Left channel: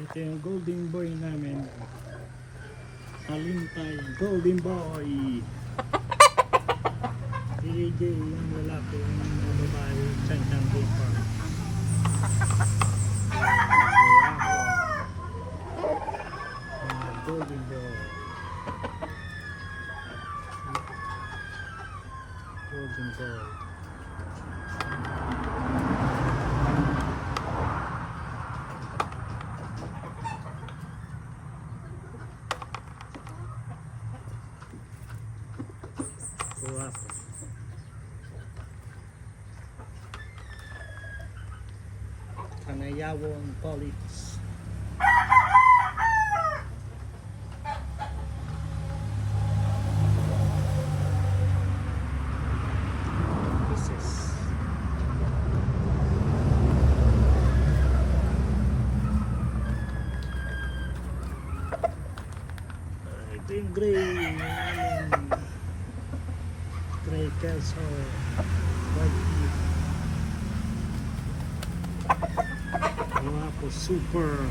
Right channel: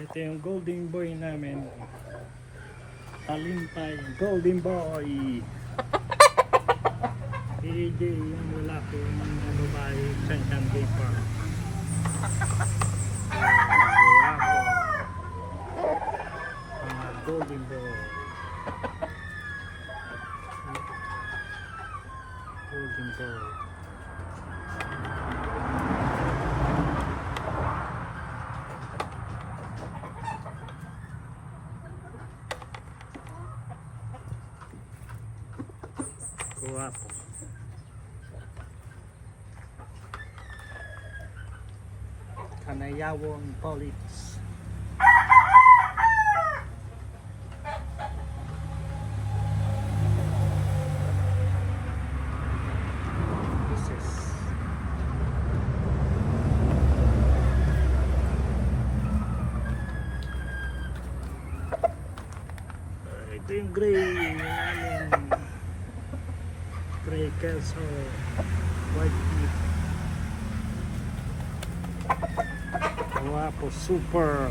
Ito yung golden boy namin. Talimpay, golden boy. AJ yung lalaki, yung babae, Chanchang Gipa. Mga golden boy. Golden boy. Guwapo. Kanayawang Police. This is ito yung gray namin. Gray Kelso, white meat. Guwapo, super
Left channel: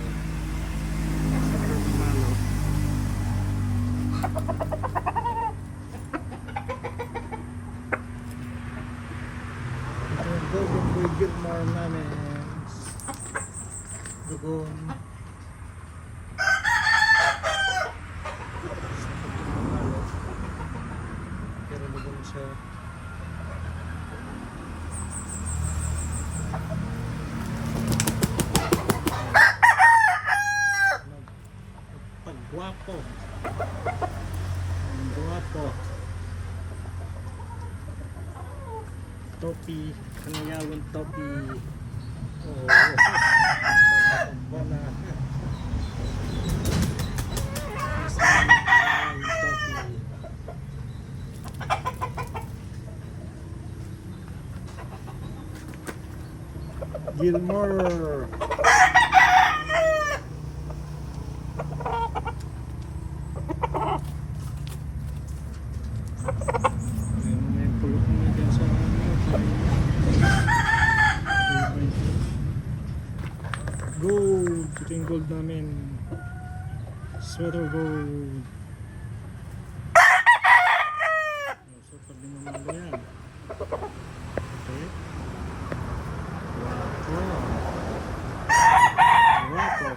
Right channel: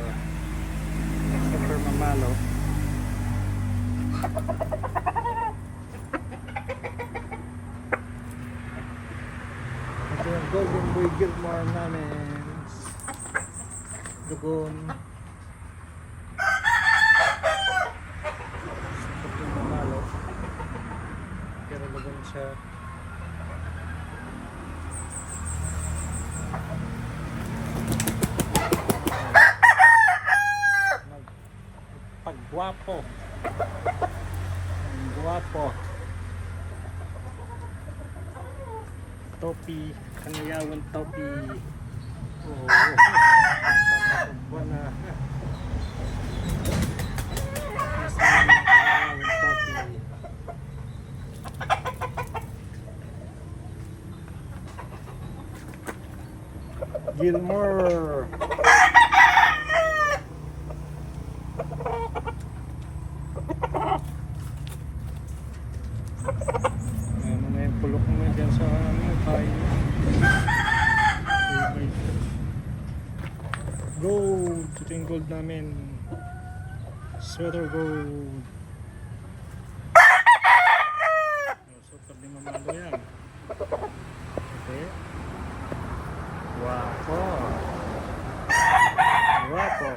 mamalo. Ito yung golden boy Gilmore namin. Dugon. Super mamalo. Pero dugon siya. Guwapo. Guwapo. Topi, Kanayawan topi. Oh. Wala. Topi. Gilmore. Pulok mo dyan sa tayo. Gold. Ito yung gold namin. Sweater gold. Super din mamalo yan. Okay. Wapo. Wapo.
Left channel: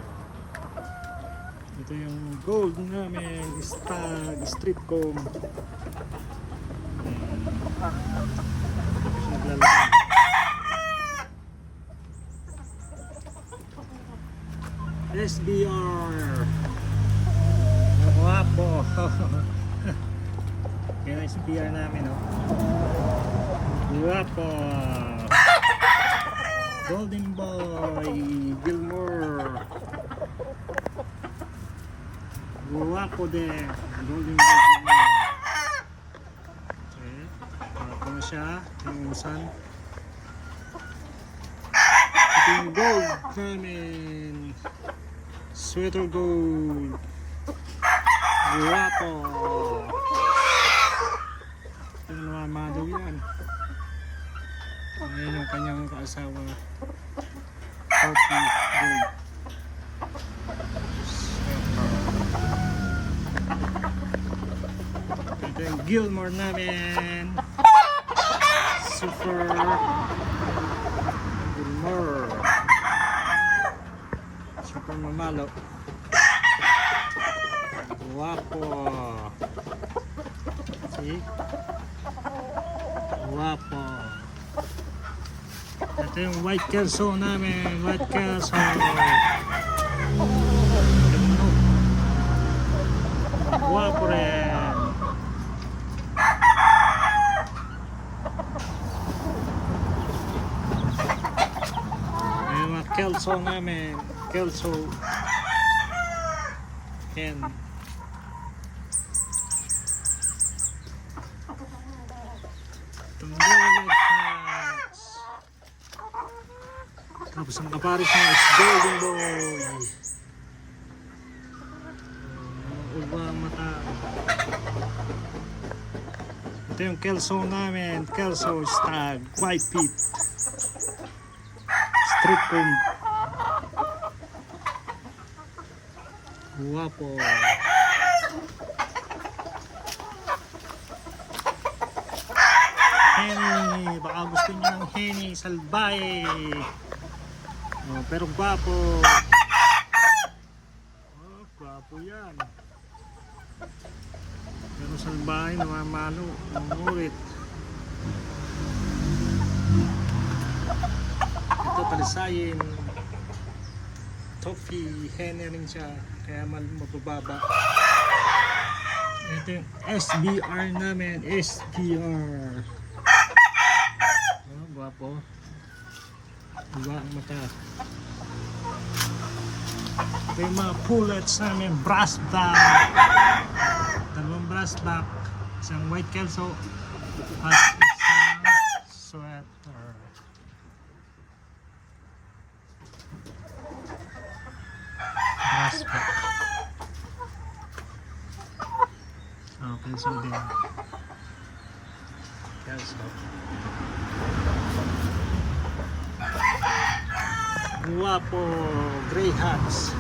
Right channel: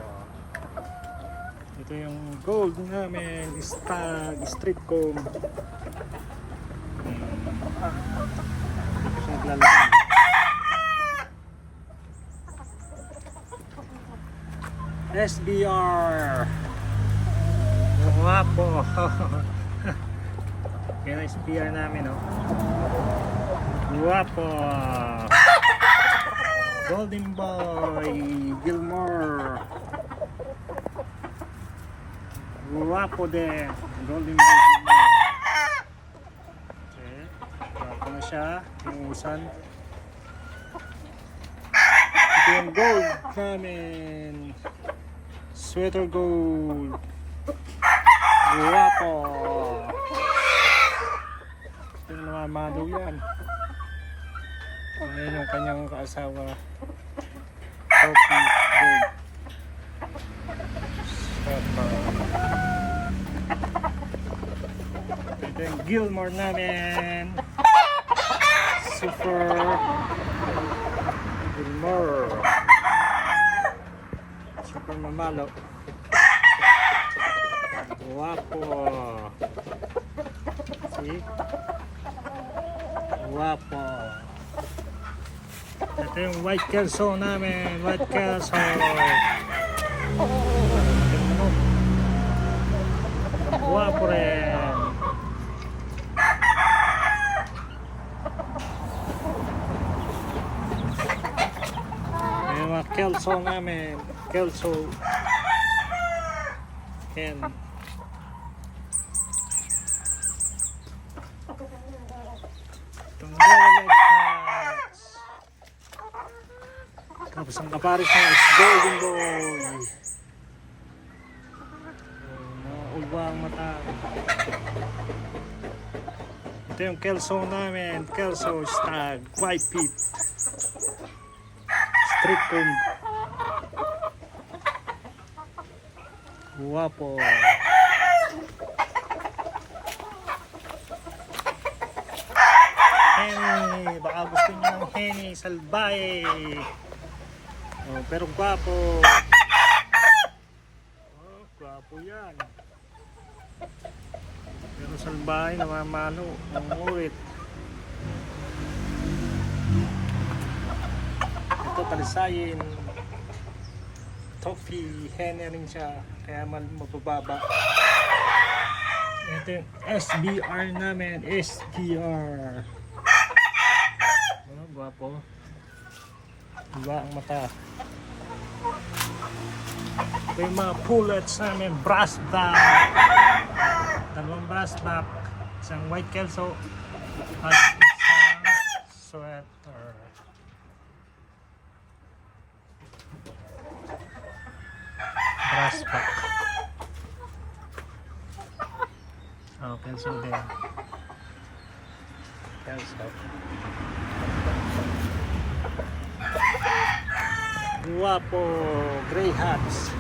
Ito yung gold namin. Stag. Street comb. SBR. Guwapo. Yan ang SBR namin, oh. Guwapo. Golden boy Gilmore. Guwapo din. Golden boy Gilmore. Okay. Guwapo na siya. Inuusan. Ito yung gold namin. Sweater gold. Guwapo. Ito na naman mado yan. Ayan yung kanyang kaasawa. Topi gold. Sweater. Ito yung Gilmore namin. Super Gilmore. Super mamalo. Guwapo. See? Guwapo. Ito yung white Kelso namin. White Kelso. Guwapo rin. Ayan mga Kelso namin. Kelso hen. Itong yellow leg hats. Tapos ang kaparis niya is golden boy. Mga ulwa ang mata. Ito yung Kelso namin. Kelso Stag White Pit. Street comb. Guwapo. Henny, baka gusto niya ng Henny, salbahe. Oh, pero guwapo. Oh, guwapo yan. Pero salbahe, namamalo. Nangulit. Ito, palisayin. Toffee, Henny rin siya. Kaya mabababa. Ito yung SBR namin. SBR. Oh, guwapo. Diba ang mata. Ito yung mga pullets namin. Brass back. Dalawang brass back. Isang white kelso. At isang sweater. Brass back. Oh, kelso din. Kelso. Guwapo, gray hats.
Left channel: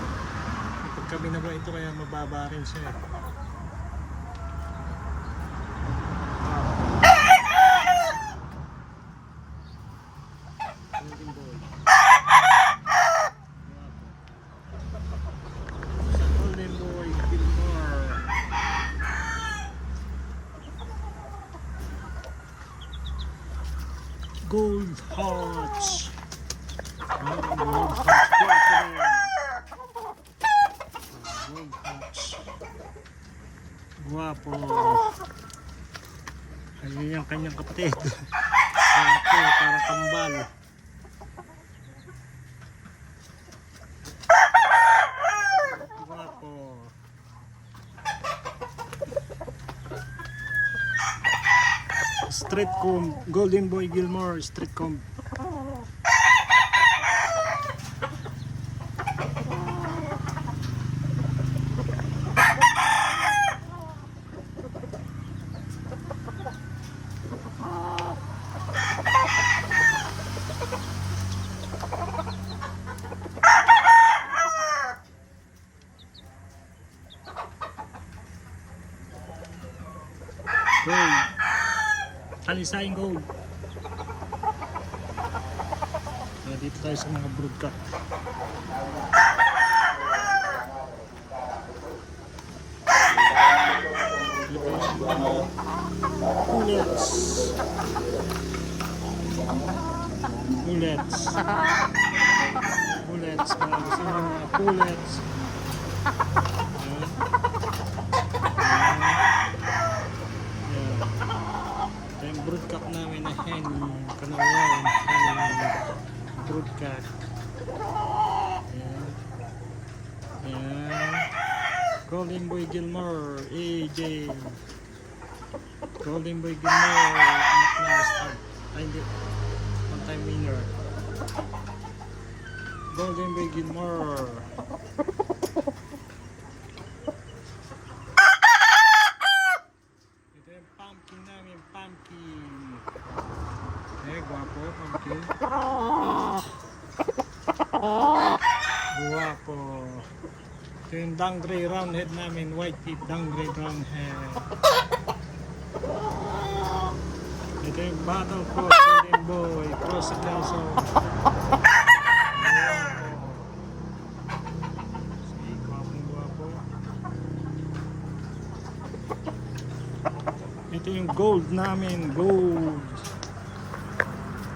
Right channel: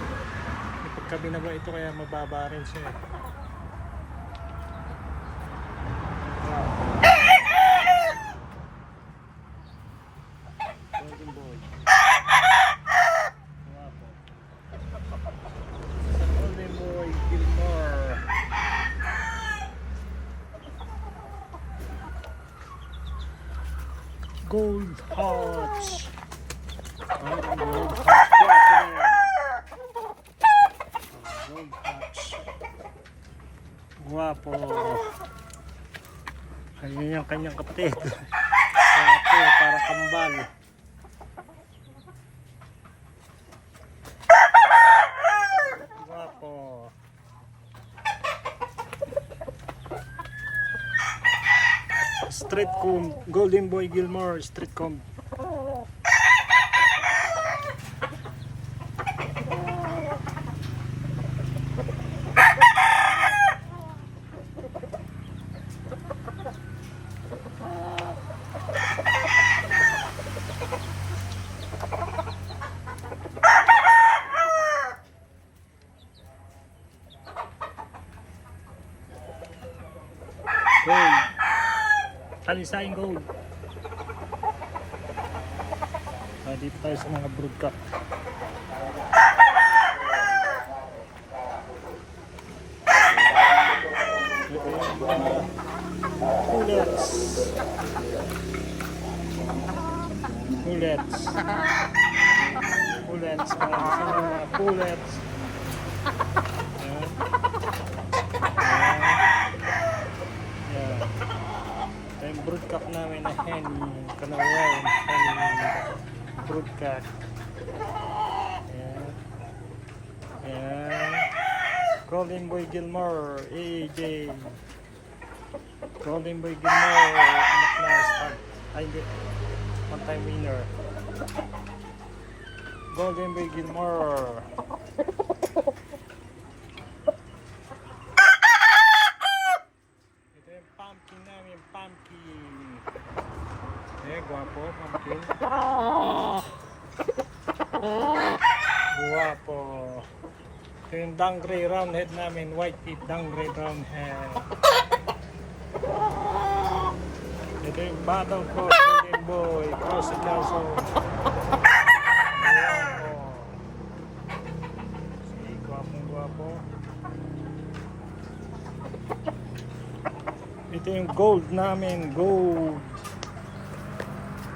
May pagkabinaba ito kaya mababa rin siya eh. Wow. Golden boy. Guwapo. Sa golden boy, Gilmore. Gold hearts. Gold hearts. Guwapo na yan. Gold hearts. Guwapo. Ayun yung kanyang kapatid. Guwapo, para kambal. Guwapo. Street comb. Golden boy Gilmore. Street comb. Gold. Talisayang gold. Dito tayo sa mga broodcock. Dito yung mga pullets. Pullets. Pullets. Marami sa mga pullets. Ayan. Ayan. Ito yung broodcock namin na hen. Kanawayan. Hen. Broodcock. Ayan. Ayan. Golden boy Gilmore. AJ. Golden boy Gilmore. Anak na start. Ay hindi. One time winner. Golden boy Gilmore. Ito yung pumpkin namin. Pumpkin. Eh, guwapo. Pumpkin. Guwapo. Ito yung dangray roundhead namin. White tip dangray roundhead. Ito yung battle cross. Golden boy. Cross Ignacio. Guwapo. Si guwapong guwapo. Ito yung gold namin. Gold.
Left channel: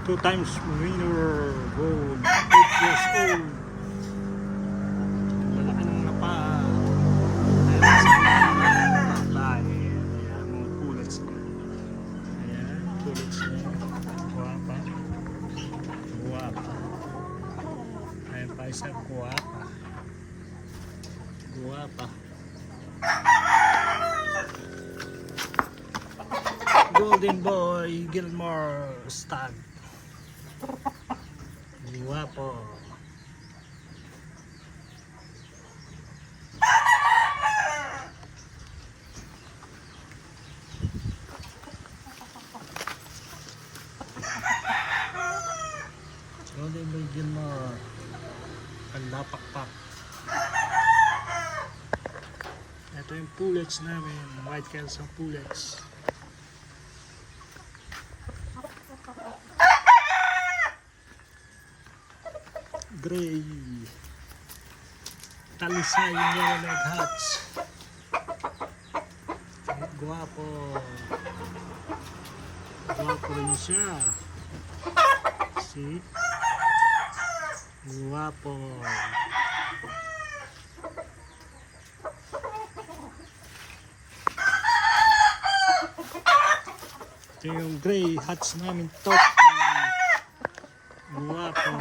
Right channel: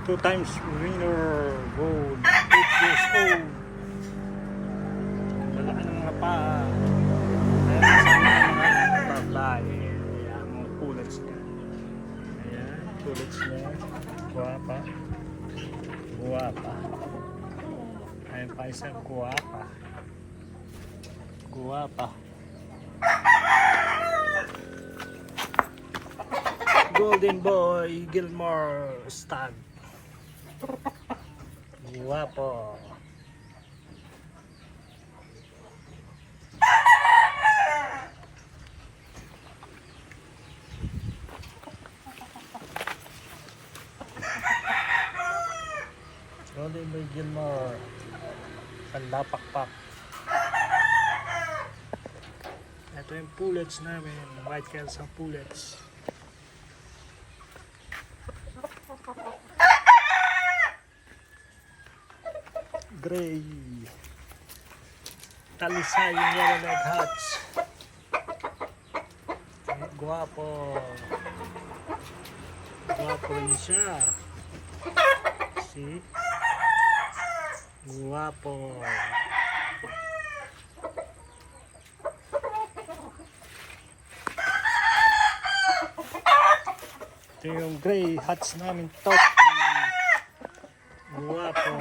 2 times winner. Gold. 8 years old. Malaki ng mga paa. Ayan sa mga babae. Ayan, mga pullets niya. Ayan, pullets niya. Guwapa. Guwapa. Ayan pa isa, guwapa. Guwapa. Golden boy Gilmore Stag. Guwapo. Golden boy Gilmore. Kandapakpak. Ito yung pullets namin, white Kelso pullets. Gray. Talisay yung yellow leg hatch. Guwapo. Guwapo rin siya. See? Guwapo. Ito yung gray hats namin, Toki. Guwapo.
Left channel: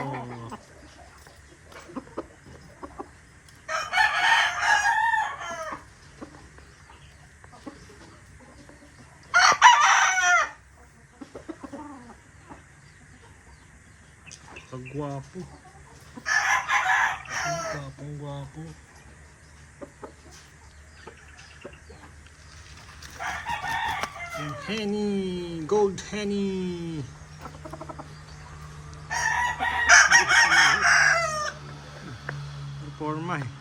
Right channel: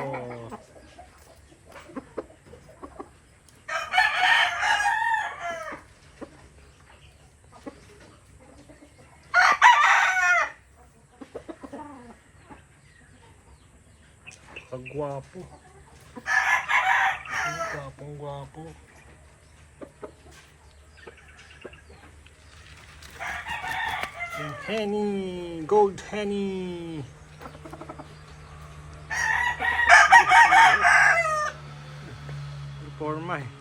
Pagwapo. Gwapong gwapo. Yung Henny, gold Henny. Reforma eh.